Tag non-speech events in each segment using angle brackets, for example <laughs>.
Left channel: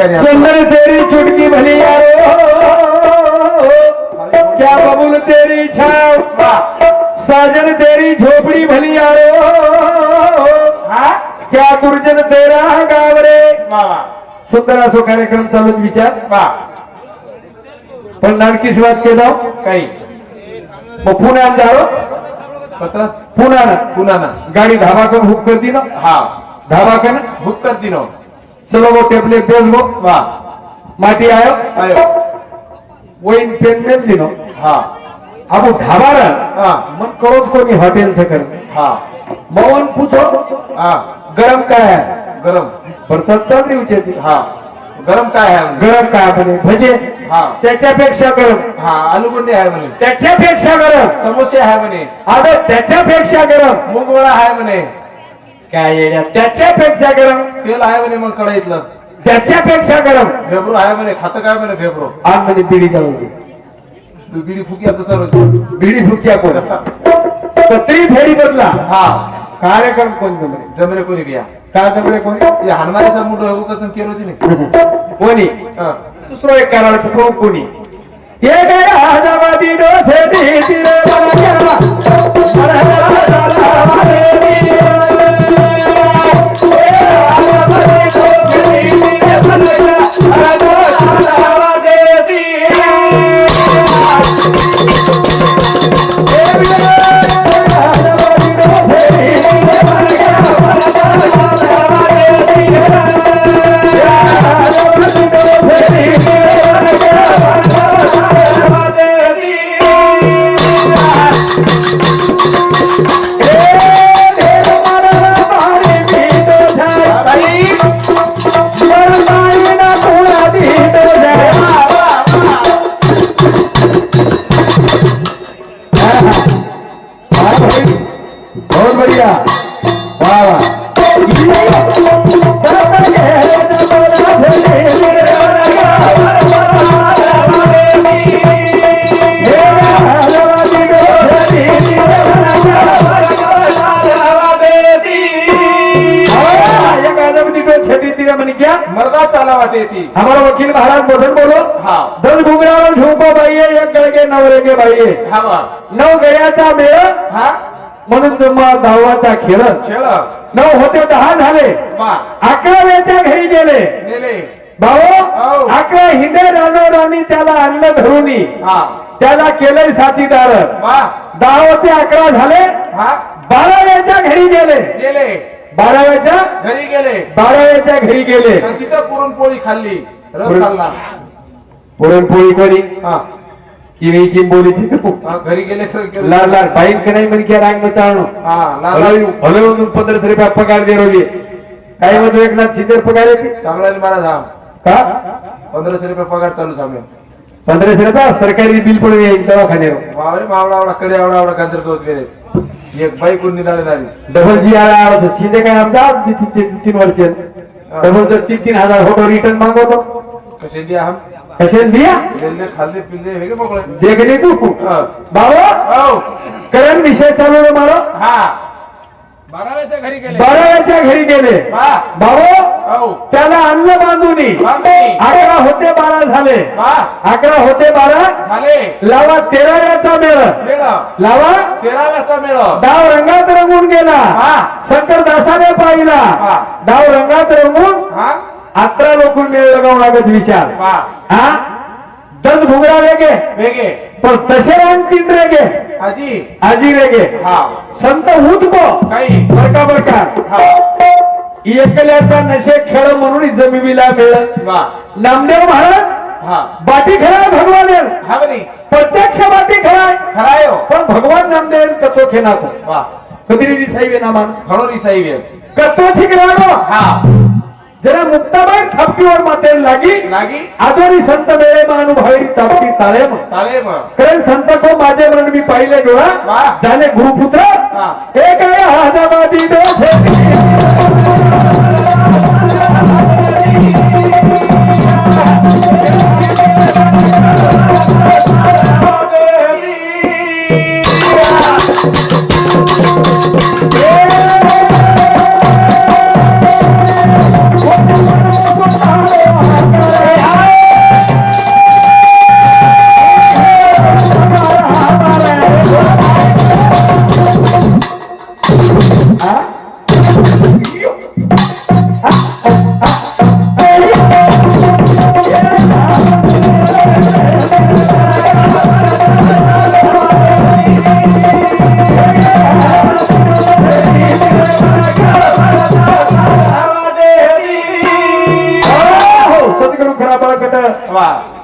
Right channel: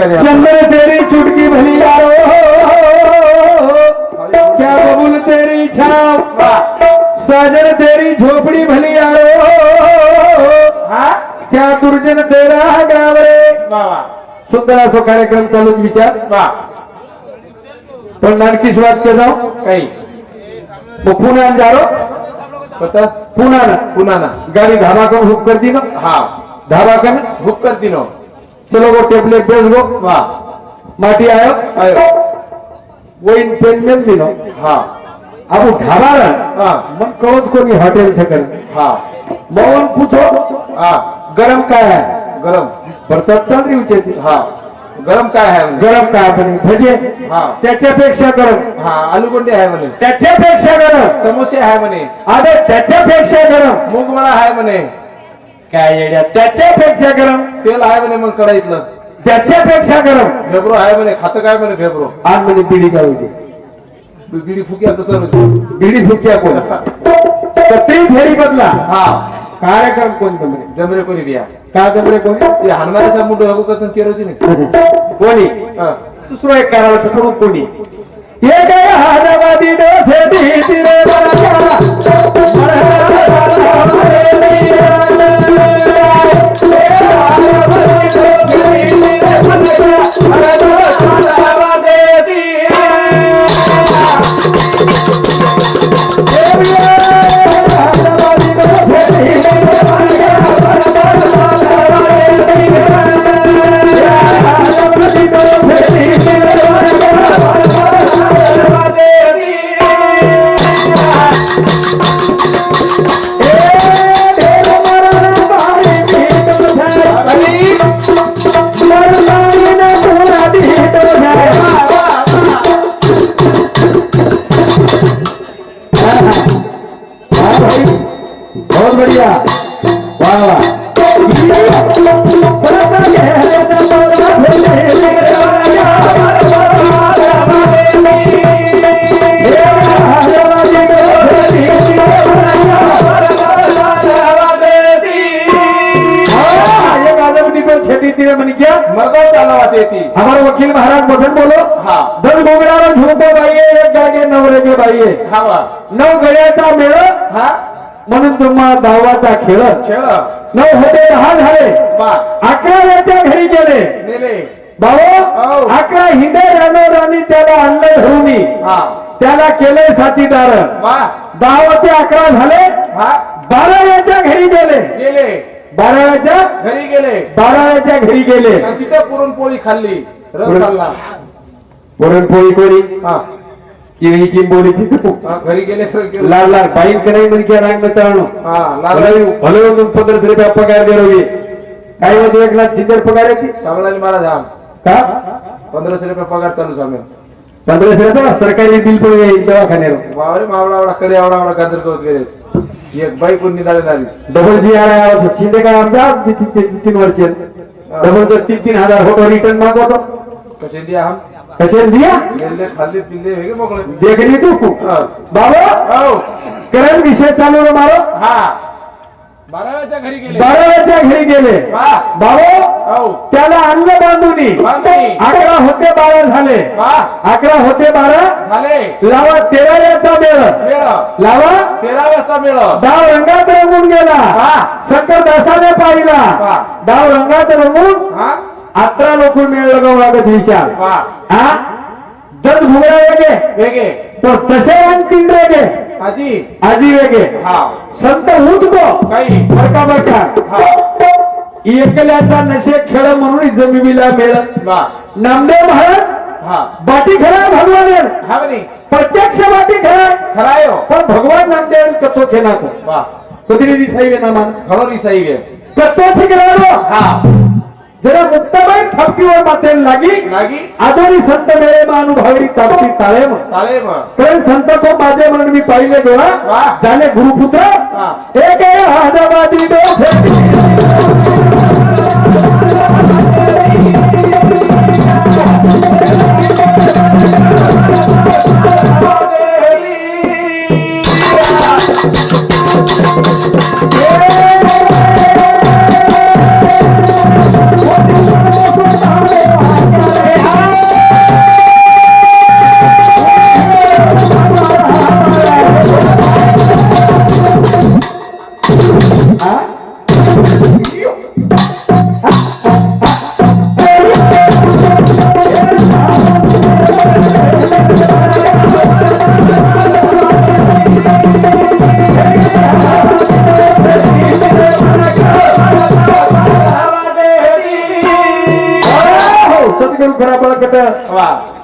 चंदन तेरी चुटकी भली यारो. क्या बबुल तेरी छाव साजन तेरी झोपड़ी भली यारो. क्या दुर्जन तेरा गाव रे सुंदर असो कार्यक्रम चालूच विचार. पण नानकी सुरुवात के जाओ. काही. पुण्यात जाओ. स्वतः? पुन्हा पुन्हा ना. गाड़ी धाबा कर हुक कर दी ना. हा. धाबा कर बुक करती नो. चलो वो टेबलेट बेच गो वा। माटी आयो? आयो। वही पेन में दी नो हा। अब वो ढाबा रहा हा मग कळत कोणी हॉटेल से कर। हा। मौन पूछो। हा। गरम काय है? गरम। भरतात चाल रही विचारते हा। गरम काय आहे गरम काय म्हणे भजे। हा। त्याच्यापेक्षा गरम हा। आलू बंडी आहे म्हणे त्याच्यापेक्षा गरम समोसे आहे म्हणे अरे त्याच्यापेक्षा गरम मूग वडा आहे म्हणे काय येड्या त्याच्यापेक्षा गरम तेल आहे म्हणे मग कढईतलं. त्याच्यापेक्षा गरम फेब्रो आहे म्हणे खातं काय म्हणे फेब्रो? आज म्हणे बिडी जाऊ दे. बिडी फुकी आता सर. बिडी फुकिया कोण? सत्री फेरी बदला. हा. कार्यक्रम कोण जमरे जमरे कोणी घ्या का जमरे कोणी? हनुमानाचा मुंडू हगू कसं केरोची नाही कोणी? हा. दुसरं एक करायचं खाऊ कोणी? ये काय हादाबादी डोसे दी रे दस घुगडाला झोपो बाईये एक गागे नवरे गे बाईये हा वा नऊ गळ्याचा मेळ हा? म्हणून तुम्हा धावाचा खेळ. खेळ. नऊ होते दहा झाले. अकराव्याच्या घरी गेले. भाऊ हो. अकरा हिंडे रानोर आणि त्याला अन्न धरुनी. हा. त्याला केलंय साथीदार. दहा ते अकरा झाले. हा. बाराव्याच्या घरी गेले. गेले. बाराव्याच्या? घरी गेले. बाराव्याच्या घरी गेले. तिथं पुरणपोळी खाल्ली. रस खाल्ला. पुरणपोळी कोणी? हा. किवी चिंबोलीची तू. हा, घरी गेले. लाल लाल बाईन कराई म्हण की रांग हा भले म्हणून पंधराशे रुपया पगार दे रोगी काही मध्ये एकनाथ शिंदे पगार येते सांगलाली महाराज हा का? पंधराशे रुपये पगार चालू सामे पंधराशे रुपया? सरकारी बिल पण येईल दवाखान्यावर. बावरे मावळा आवडा कडे आवडा आवडा गाजर करत गेले एक बाई कोण निघाले झाली? डबल जी आला शिंदे काय आमचा तीन तीन- वर्ष. डबल तीन तीन हजार फोटो रिटर्न मागवतो. कसे दिया हम? कसे दिया? गेले खाल्ले पिल्ले वेगळे मोकळे. देखली तू. बाबा? हो. करण विषय चालू रे मारो? हा. बाराव्याच्या घरी गेले. बाराव्याच्या घरी गेले. बाबा हो. त्याला अन्न बांधूनी. अकरा होते बारा झाले. अकरा होते बारा झाले. लावा तेराव्याचा मेळ. लावा. तेराव्याचा मेळ. डाव रंगात रंगून गेला. हा. शंकर दासाने पाहिला. डाव रंगात रंगून अकरा लोक मेळ लगावून लागत विशाल. हा? दस भुगडा वेगे. वेगे. पण तसे आणखीन रेगे. आजी. आजी वेगे हा. संत उठबो काही. बरका बरका. एकल्याचा नशे खेळ म्हणून जमिनीला मेळ. वा. नामदेव महाराज हा. बाटी खेळा भगवान. हा प्रत्यक्ष बाटी खेळा खराय हो. पण भगवान नामदेव कचो खेळा वा. कधी दिसाई नामान खरो रिसाई वे. कतो ठिकरानो हा. जरा मुक्ताबाई थापकीवर मातेल लागी. लागी. आदोरी संत मेळे मानुभावी तापती ताळेम चाले मग कारण संत तो माझे म्हणून मी पाहिले डोळा. झाले गुरुपुत्र. हा. हे काय? हादाबादी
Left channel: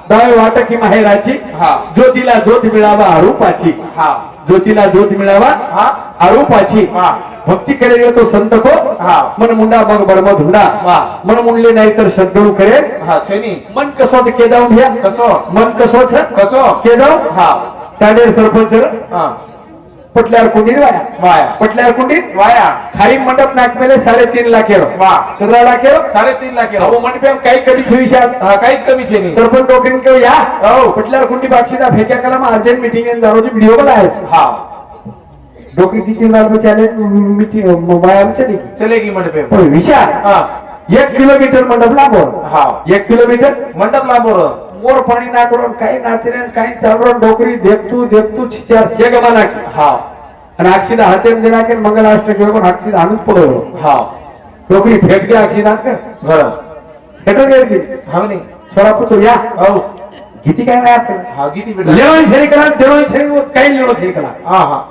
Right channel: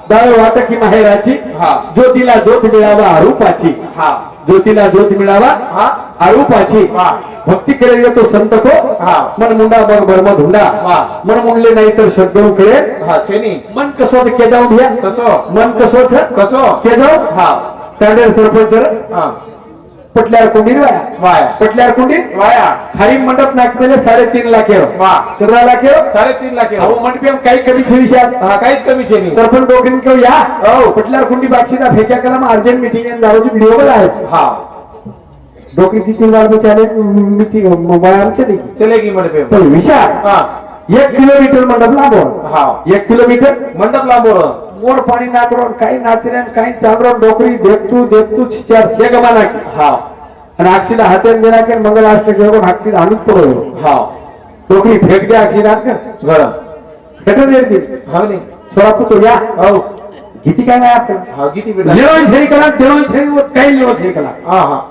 दय वाटकी माहेराची. हा. ज्योतीला ज्योत मिळावा आरूपाची हा. ज्योतीला ज्योत मिळावा हा. आरूपाची भक्ती केले येतो संत तो हा. मन मुंडा मग बर्म धुंडा. मन मुंडले नाही तर श्रद्धेऊ करेल. हा मन कसोच के जाऊन घ्या कसो? मन कसो के जाऊ हा. तांडेर सरपंच. पटल्यावर कुंडीर वाया? वाया. पटल्यावर कुंडीर वाया. खाली मंडप नाकमेले साडेतीन लाख एवढं वा. कितना लाख एवढं साडेतीन लाख अहो एवढं. मंडपे काही कधी भविष्यात हा काहीच कमी छेनी सरपंच डोकरीन किंवा या. हो. कुठल्या कुंडी बाक्षीचा फेक्या कलम अर्जंट मीटिंग दारोची व्हिडिओ बनायच हा. डोकरी तीन बार बचाले मीटिंग मोबाईल चली चलेगी मंडपे पण विचार हा. एक किलोमीटर मंडप लागो हा. एक किलोमीटर? मंडप लांबोर मोर पाणी नाकरून काही नाचरे काही चालून डोकरी देखतू देखतू चार शे गमा नाकी हा आणि अक्षीला हातात घेणार की मंगलाष्टक घेऊन अक्षीला आणूच पडलो हा डोकरी फेक दे अक्षी नाक घर. फेटून येते हा नाही थोडा पुतो या. हो किती काय नाही आपलं हा किती भेटला जेवण छेरी कला जेवण छेरी काही जेवण छेरी कला. हा हा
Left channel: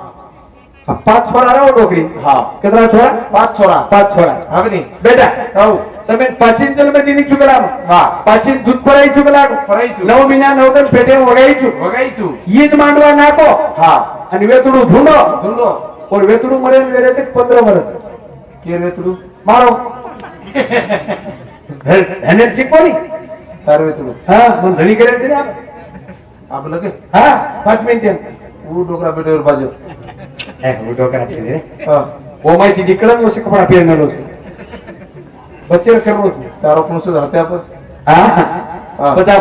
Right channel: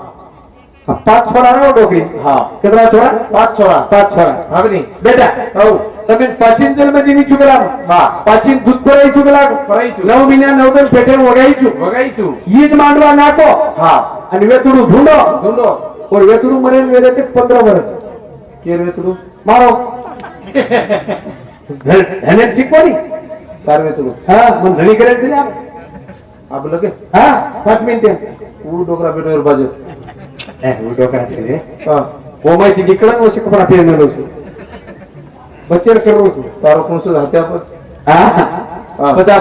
पाच छोरा राव डोकरी हा कितना छोरा पाच छोरा पाच छोरा हा नाही बेटा हो તમે પાચીન જલ માં દીની ચુકલા હા પાચીન દૂધ પરાઈ ચુકલા પરાઈચું. નવ મહિના નવ દલ પેટે વગાઈચું बघायचो ઈદ માંડવા નાખો हा અને વેતુડું ઢૂંઢો धुंडो और વેતુડું મરે ને વેરે તે 15 વર્ષ केर वे तुडू મારો એને શીખવાની चार वे तुडू હા મને ધણી કરે છે ને આપ आपलं के હા પાંચ મિનિટ तू डोंगरा पेटीवर बाजू એ હું ડોકરા છે ને ఓమైతే ఇక్కడ సిక్కుపడి అప్పయ్యాను రోజు వచ్చేసరికి రోజు चार आपण सुद्धा हत्यापच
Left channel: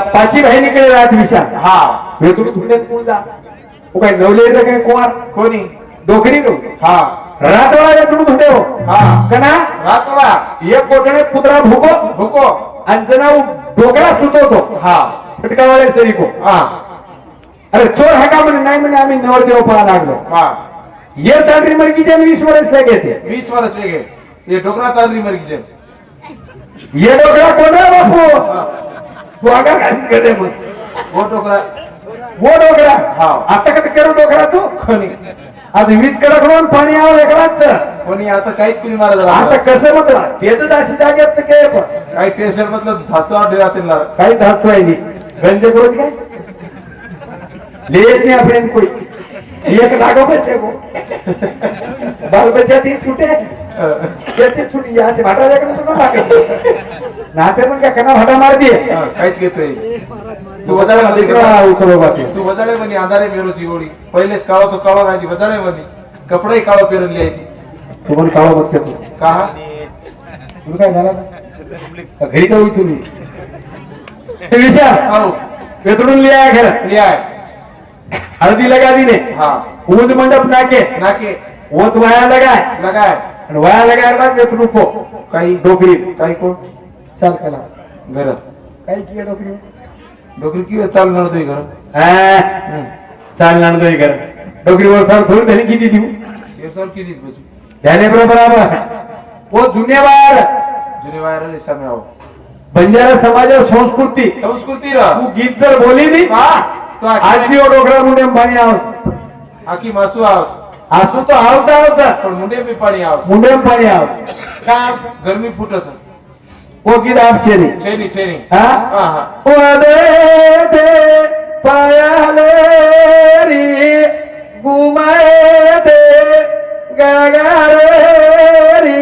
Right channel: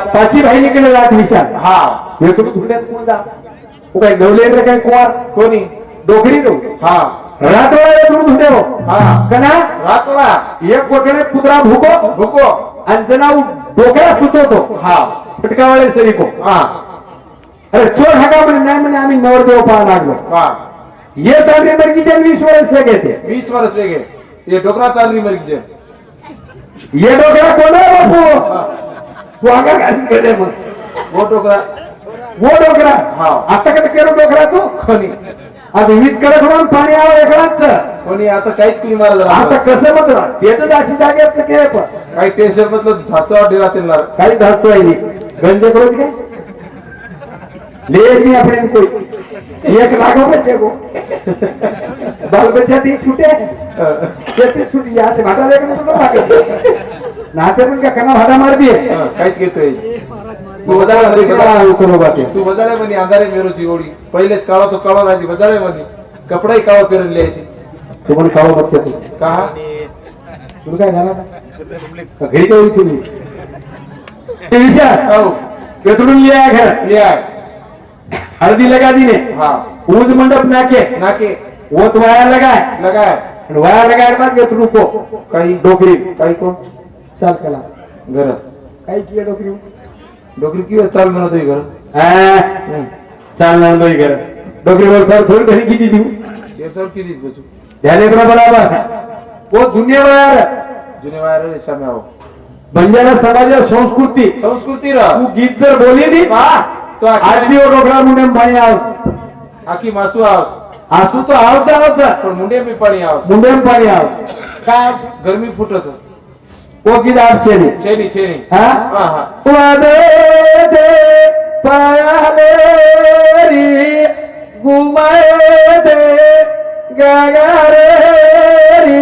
पाची राहिलीकडे राहत विषय हा मी तुम्ही तुकडे मुलगा तू काय नवलेर काय कुवार कोणी डोकरी नो हा रातवाड्या तुम्ही धुडे हो हा कना रातला एक कोठडे कुत्रा भुको भुको आणि जना डोक्याला सुचवतो हा पिटकावाले सरी को हा अरे चोर हा का म्हणे नाही म्हणे आम्ही नवरदेव पळा लागलो हा ये दांडरी मरगी जन वीस वर्ष लगे थे वीस वर्ष वेगे ये डोकरा चालली मर्गीचे ये डोकरा कोण आहे बापू? तू आगा घालून गेले मग. वो डोकरा वो डोकरा हा. आता कधी केलो डोकरा तू? कोणी? आता वीज कडक म्हणून पाणी आव वेगळाच कोणी? आता काहीच कुणी मारा झाला आता कसं म्हणतो त्याच अशी जागेच के पण. काही टेन्शन मधलं धातो आधी राहतील काही धातू आहे गंज करो काय? ले नहीं अपने कोई एक लागो बच्चे को बाल बच्चा ती छूटे। ते छूटी यहाँ से भाटा लेकर तो लागे नाते पण क्या करना भाटा मार दिए। काहीच तू वजाले बाते तू वजाले म्हणे अंधारे मेरोची ओळी पहिलेच काळा तो काळा राहिली वजाले म्हणे कपडाही काळा पेरून लिहायची। तू पण काळो मत घेतो का? हा? तू काय झाला? ना घरी तो इथून? ये. ते विचार। हो. वेतडून लिया घर लिहाय. हळदी लगा दीने. हा. ऊज मंडप नाके. नाके. ओत वाया लगाय. लगाय. वाया लगाय बाद वेतडू को काही डोकरी. काही कोण? चाल कला. घर. काय किया डोकरी डोकरी किंवा चालणार तुझी घर? हा, चालणार नाही घर. डोकरीवर फार थोडी धनी किती देऊ? केसावर किती बसू ध्याने बरोबर. ओ जुन्यावार जुने वायर सामे आहो बंजारा समाज संस्कृती. संस्कृती गीत जर बोली दी तो आज आखी भी वो डोकरा मुंडे में पाणी आव. आखी मासू आवस आसू तो आवचा आवचा पण मुंडे बी पाणी आवस मुंडे में पाणी आव. काय गरमी फुटच वो गीत आप छेनी. छेनी छेनी. हा? हा हा. वदे दे पायाले री घुमाए दे गागारे री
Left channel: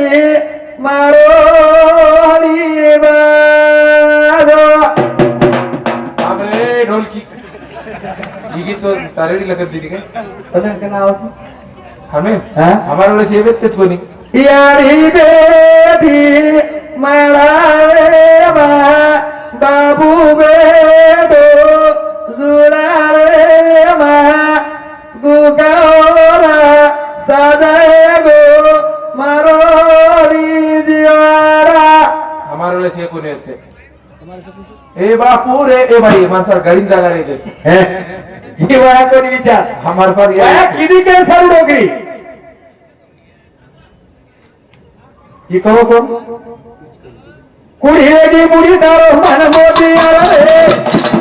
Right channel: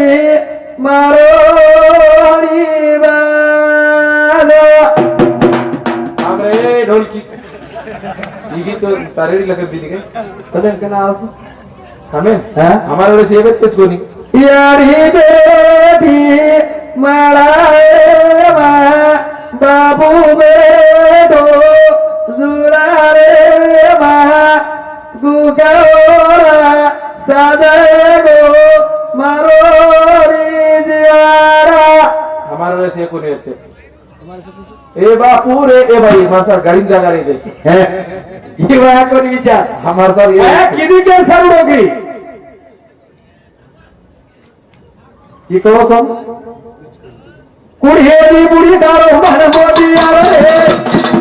मारोनी बाजो आमरे ढोलकी ही गीत तो तारेडी लगत दिली काय सगळं का नाव आहे? हमें हा? हमारे वेळेस येवेत तेच कोणी यारी बेटी मळाए मा बाबू बेडो जुरारे मा गुगारा सजाए गो मारो रिजवारा ए बापू रे ए भाई मासा गाडी जागा रे देस वया कोणी विचार हमार सार ये वया किती के सारू डोकरी ही कहो तुम कुढेरी बुडी दारो मन मोदी आलो रे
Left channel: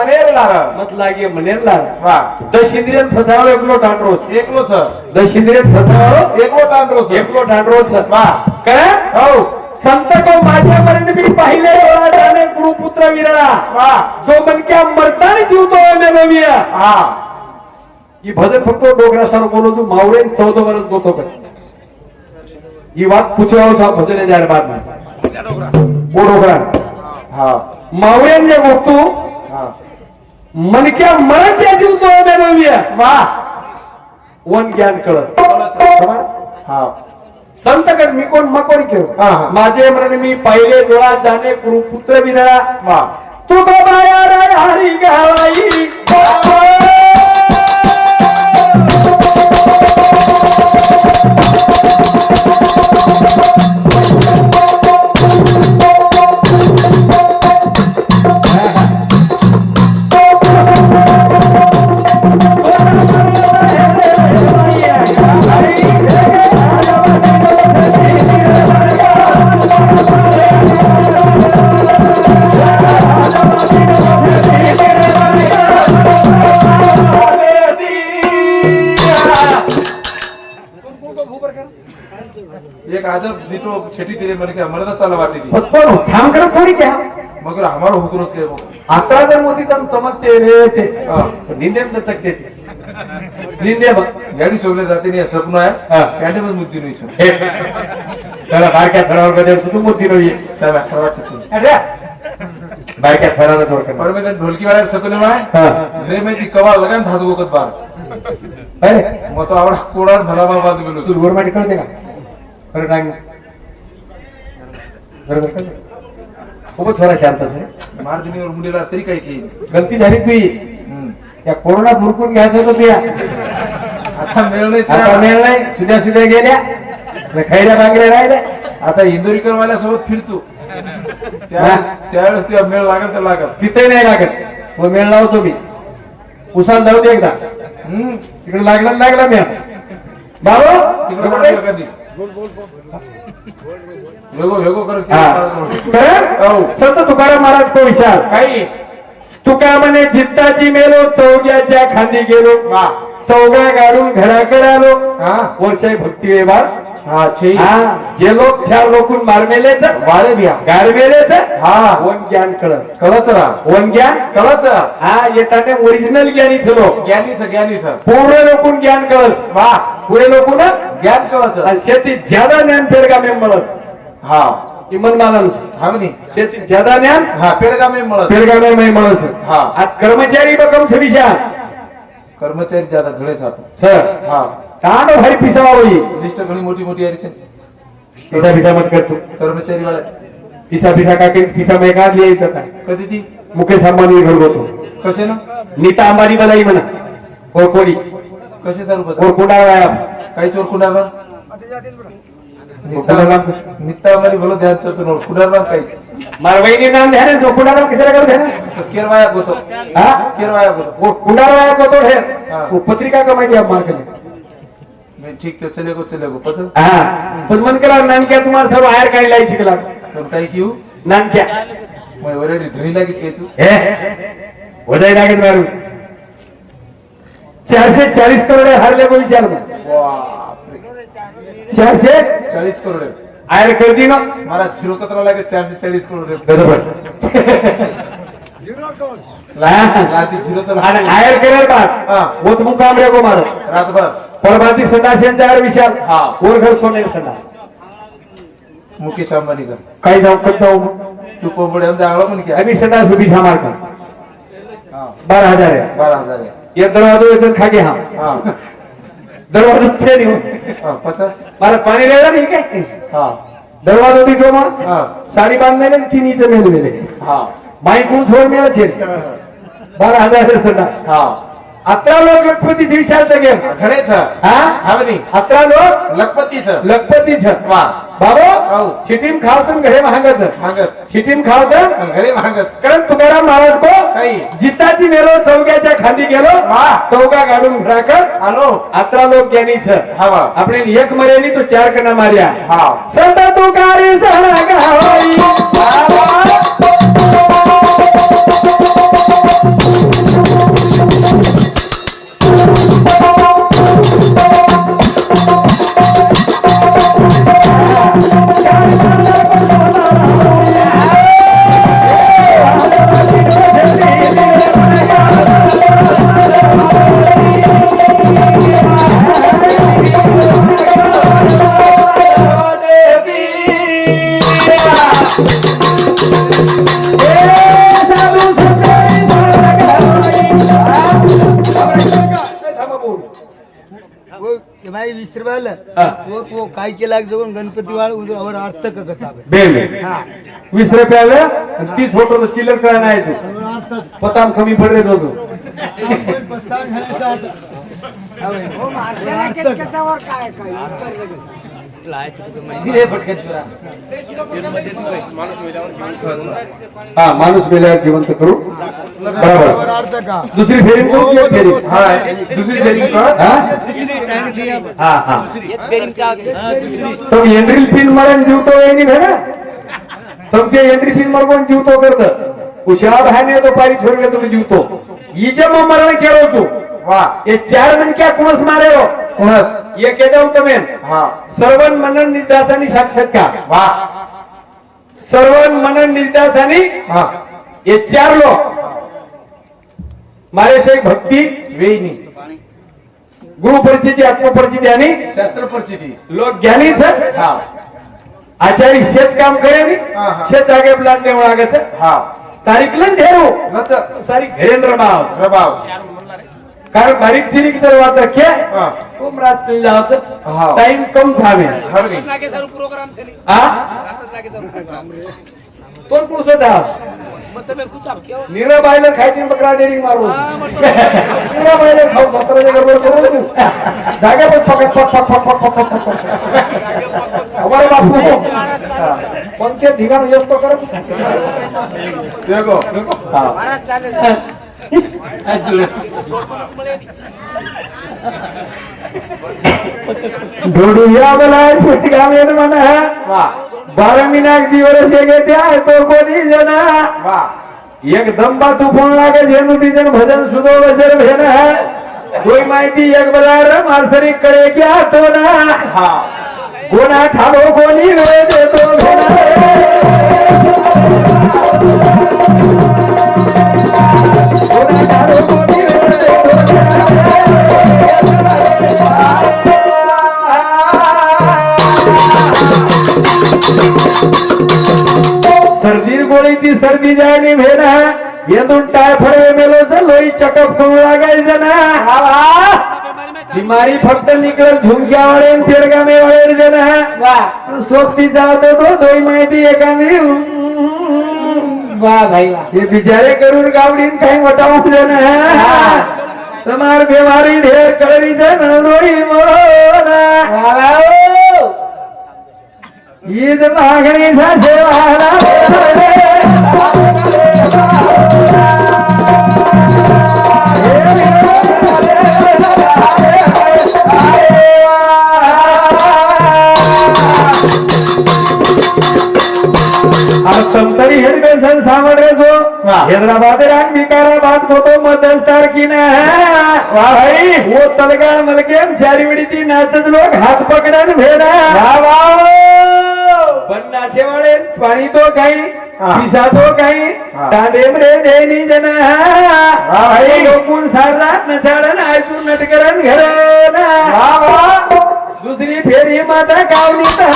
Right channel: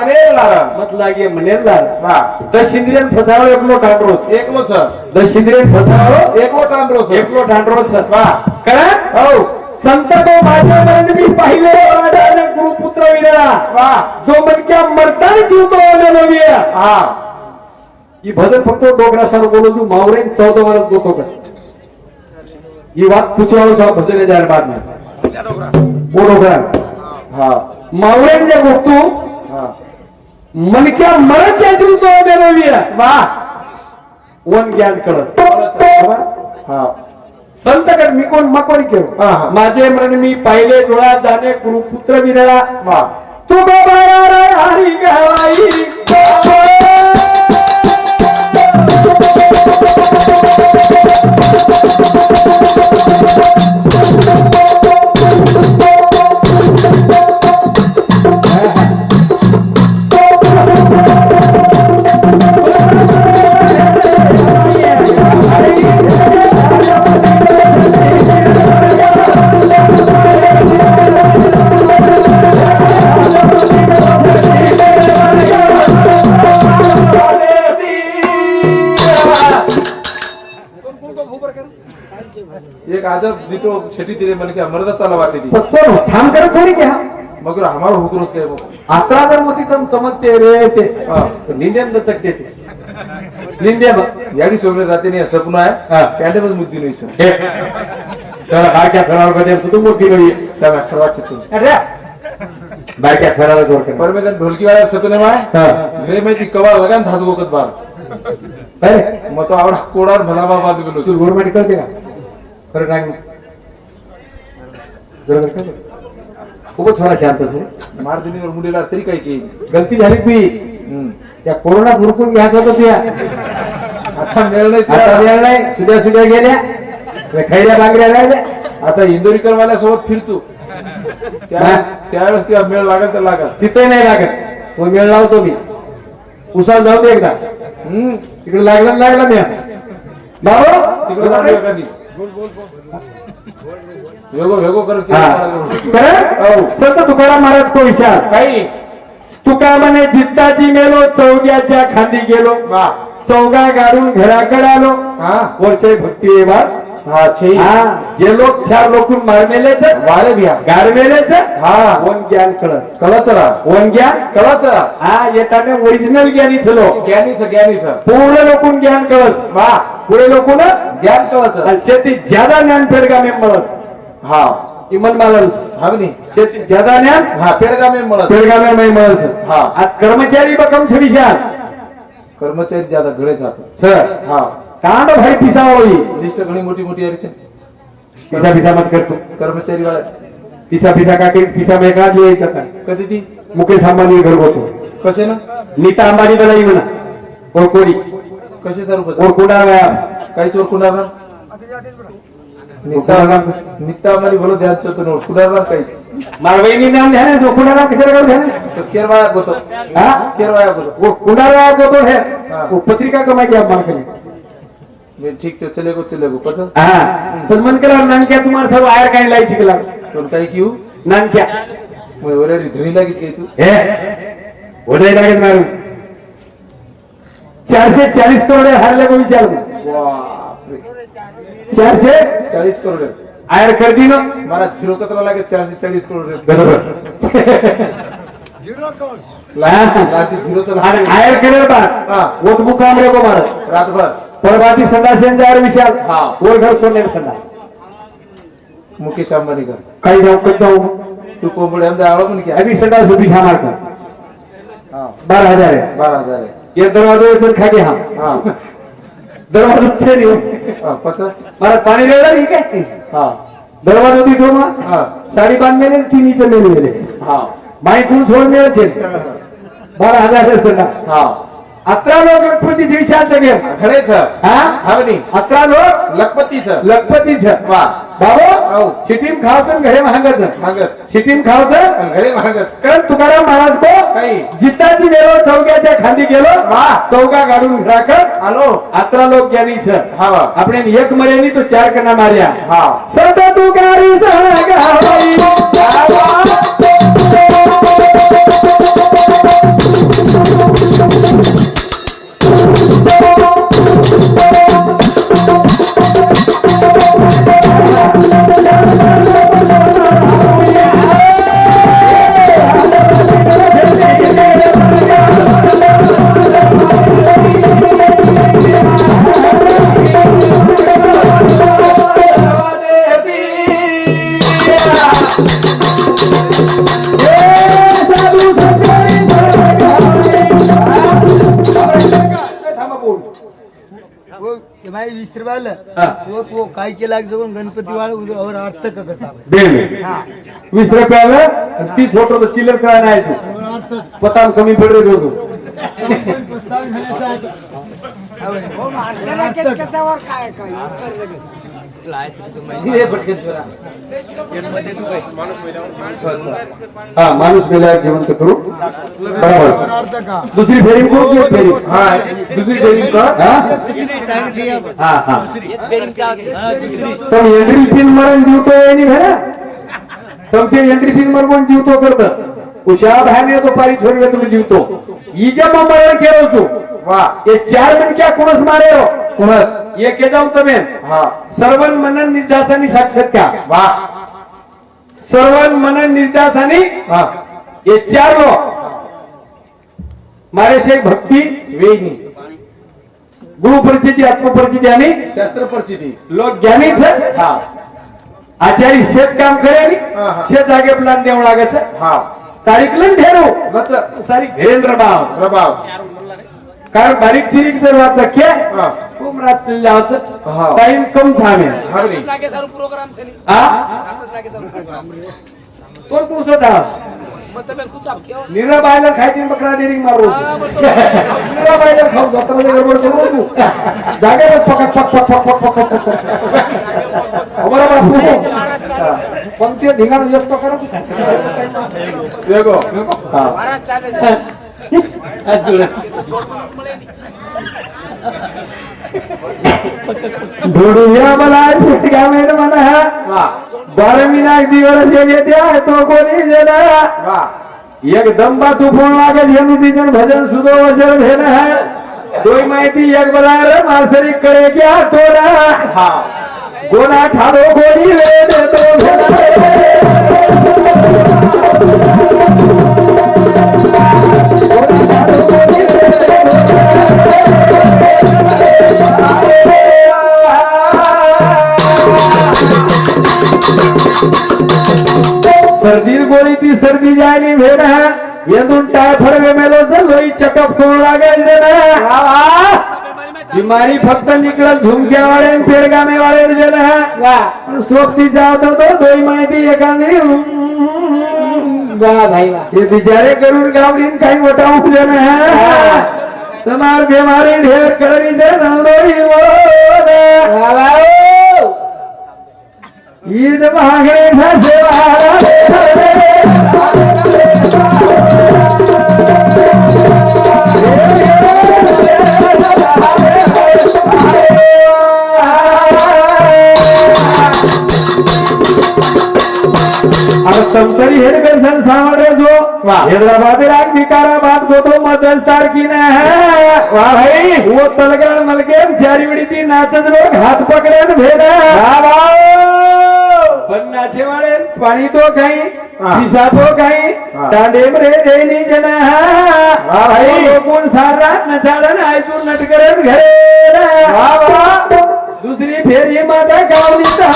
ಮನೆಯಲ್ಲಾರ? ಮೊದಲಾಗಿ ಮನೆಯಲ್ಲಾರ. ದಶ ಇಂದ್ರಿಯನ್ ಫಸಾವ ಎಕ್ಲೋ ಟಾಂಡ್ರೋಸ್ ಏಕ್ಲೋ ಸರ್. ದಶ ಇಂದ್ರಿಯನ್ ಫಸಾವ ಏಕ್ಲೋ ಟಾಂಡ್ರೋಸ್ ಏಕ್लो कारण हो संत तो माझ्या मी पाहिले गुरुपुत्र वा जो मनक्या मरताना जीवतो ही भजन फक्त डोकरा बोलो तू मावरे चौदा वरच गोतो कस ही वाद पुचवाओ भजन जाहिर बाद में वो डोकरा हाँ मावरे मनक्या मनाची अजून जबाबदारी वा. वन ज्ञान कळस. हा. संत कर मी कोण मकोण केव माझे मन मी पाहिले डोळा जाणे गुरुपुत्र विरळा वा. तू गोबाया हरी गावाई દીકરો છેટી દીરે મને કે અમરતા ચાલા વાટી દી फक्त ठाम कर थोडी घ्या મગર અમારો હુકરો જ કર્યો अकरा जर मोठी तम चमकते रे ते हा. निंदे चकते ते निंदे बघ યાડી સોગલે રાતે ની સપના હા. હે ત્યારે બસ મુદ્દી નહીં છું हे सर बारक्या छडावर कधी सुद्धा मोठी रवी સામે ખવા છે बारक्या छडावर जोर कर पर मैं ढोलकी वाला सपने में है हा रे मैं ती कवा लगान थास गोकत बार अरे मग तो आवडा कोडार भला बाबा गेलो तू रोड मध्ये कळते का खरं काय जरा? खूपच थोडा शांत आहे मार दिनीवर मुलीला तरी काय की गलती झाली तुझी हम्म. या कोरोना भरपूर घ्यायचं होतं तुया आता मेळ नाही आता नाही. सुद्या सुद्या गेल्या. खैऱ्या बांगड्या राहिल्या. आता इंदोरीकर वाल्या सोबत फिरतो. त्या- हा. त्यावेळेस ते मेळ लागत तर लागत तिथे नाही लागत. तो वेळ लावतो मी. उसात जाऊ दे एकदा. हम्म. तिकडे लागला ना लागला मी भाऊ तिकडे मागे खरं? संत तुकाराम महाराज को विचार? काही. तुका म्हणे जित्ताची मेलो चौग्याच्या खांदी गेलो. चौगा गाडून घराकडे आलो. हा. वर्षे भक्ती હા છે જે લોક છે આ લોકોને મારમેલે છે મારે ભ્યા ગાળમેલે છે હા ઓન જ્ઞાન કળસ કળતરા ઓન જ્ઞાન કળતરા હા એ તને ઓરિજિનલ જ્ઞાની છે લો જ્ઞાની છે જ્ઞાની છે પૂરે લોકોને જ્ઞાન કળસ વાહ પૂરે લોકોને જ્ઞાન કળસ અને શેતી જ્યાદા જ્ઞાન પેરગામે મળસ હા એ મનમાલન છે હાવની શેતી જ્યાદા જ્ઞાન હા પેરગામે મળસ પેરગામે મળસ હા આ કર્મચારી બકમ છે વિશાલ કર્મચારી જ્યાદા ઘરે છે હા કાનો ભાઈ પીસા હોય લિસ્ટ ઘણી મોટી મોટી આવી છે પીસા પીસા મત કરતો કર્મચારી વાળા પીસા પીસા કાકે પીસા મેં કાઢ લે જતા કદી થી મુકેશ અંબાની ઘર ગોતો કશે નો નીતા અંબાની બનાવી મના ઓરકોડી કશે સર ઉપર ઓરકોડા આયા કઈ ચોર કુંડાર નીતા અંબાની ભલો ધ્યાન ચોતો નો કુંડાર કઈ મારવાઈની નામ ધ્યાન નો કુંડાર કિસરા કરું ધ્યાન કેરવાયા ગોતો હા કેરવાયા ગોતો કુંડાર વાયા ગોતો હે પત્રિકા કમાઈ ગયા માર કરી मैं ठीक से चले गो चले हा. पण मन केला नानक्या तुम्हाला सर्व आयर काय लाय शिकला तो काही क्यू नानक्या. मैं ओरेडी धणी लागित काही तू. हे. वडाय लागत मारू चारशे चाळीस करोड हारले विचार बापरे. चारशे? चाळीस करोड. आयर कर दी ना? मला झिरो कचरा लागे चारशे चाळीस <laughs> करोड. बरोबर. झिरो तर आणि लागे. आयर केलं बा हा. वो मुकाम रे को मारत रातभर. परबाती संडास यांचा आयर विचार हा. घर सोनेर संडास. मुकेश अंबानी कर काही जाऊ कत जाऊ. तू कोंबडी आमचा आळो म्हण की अभी संडास उभी छा मारकर हा. बारा हजार आहे. बारा हजार आहे. ये दरवाजा खागे हा. दरवाजा छे नहीं हा नहीं काय हा. दरवाजा भी तो मार साडी बांध हा. छोड बारा हजार हा. अकरा लोक लखपतीच विशाल घे खरेच अकरा लोक? लखपतीच लखपतीच. वा. बाबो हो. शिटीम खावचं घरे महागच महागत शिटीम खावचं घरे महागत कारण तुकाराम महाराज तो जिताची गेलो चौक्याच्या खाली गेलो. चौका घालून राखत. आलो. अकरा लोक ज्ञानी छ आपण एक मर्यादित चार कना मार्या हा. सदा तुकारी सणा गावाई वो भाई वीस रुपयाला हा. वो वो काय केला जाऊन गणपती वाळ और अर्थ करत हा. वीस रुपयाला तीस होतो चिल्लर काय नाही पताम कमी पडले <laughs> होतो हा माणूस गेला जिवंत करू. बरोबर. दुसरी फेरी करू किंवा फेरी हा दुसरी फेरी हा? हा तुम्ही एंट्री पिन मरण जिवतो यांनी भेटा तुमचे एंट्री पिन मरवून जिवतो करत. हुशार हानी तो पायी छोडले तुम्ही ही जे मग मरण केलं વાહ એ ચાર મન ક્યાં કુણસ મારેરો કુણસ એ કે દઉં તમે હા સર્વન મનન નિર્દાસાની સાક્ષાત્કાર વાહ સર્વન મનન નિર્દાસાની હા એ ચાર લો મારે છે એક ભક્તિ વેયની ગુરુ પરિચિતિ આત્મ પરિચિતિ આની શાસ્ત્ર પરચિતી લોક જ્ઞાની છે હા આચાર્ય શેત કામ કરે ની હા, હા. શેત આગે પ્લાન દેવણ લાગે છે હા તારીખ લઈને ઢેરું લત સારી ઘેરેન્દ્ર બાવ પ્રભાવ कारण बारीक सिरीक जर वाचा के? खूप रात जावाचं टाइम कम झाले. प्रोग्राम कोण पुरुष होता मत बायलर खायची बकरा डेरिंग मारू. नीरा बायलर खाऊ बकराच्या गडबड करू तू पक पक पक पक पक पक पक. बापू. ढोडूया मला शिटका मेन म्हणा बारमीला अगदी वरस घेत्या तो कोणी जना एक दमदा तू लागे झेंडू तिजन भजन सुदो वजन भेन है। दोई माहिती एक र मासरी कळे क्या तोरा। गोना ठाडो कोणी रे देतो भेन सर्दी गोळी ती सर्दी जायली भेन येदून टाय फडवे मेलो लोई चकप करू लागायचं ना बीमारी फक्त निकल झुमक्या वाले पेरगामे वाले जण सोबती जातो तो दोई माहिती एकाने વાહ ભાઈ વાહ એ બિચારે ગરુડ ગાવડીને કઈ મટાવું છે ને તમાર બેમારી ઢેર કરી છે નવડોઈ ઈદ માંગણી થશે Thank you. संतरी हेडके सन सामरे जो हैदराबाद राग विकाराबाद को तो मदस तारखीने है वाह भाई. वो तलगाड़ मलके चारी बड़ी थी नाचत लोग हाथ पकड़े न भेदा पण नाचे वाले पाणी तो काही. दिशा तो काही. दांडेम रे देनी जन. हा भाई. लोकून सार रात नचाडन आयचून नटकरन घरे ना. दुसरी फेरी माता गावली तर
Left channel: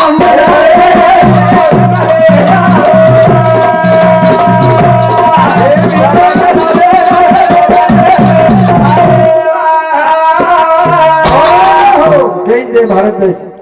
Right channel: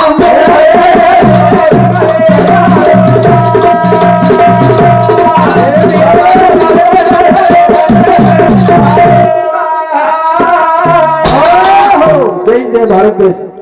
ভারতবর্ষ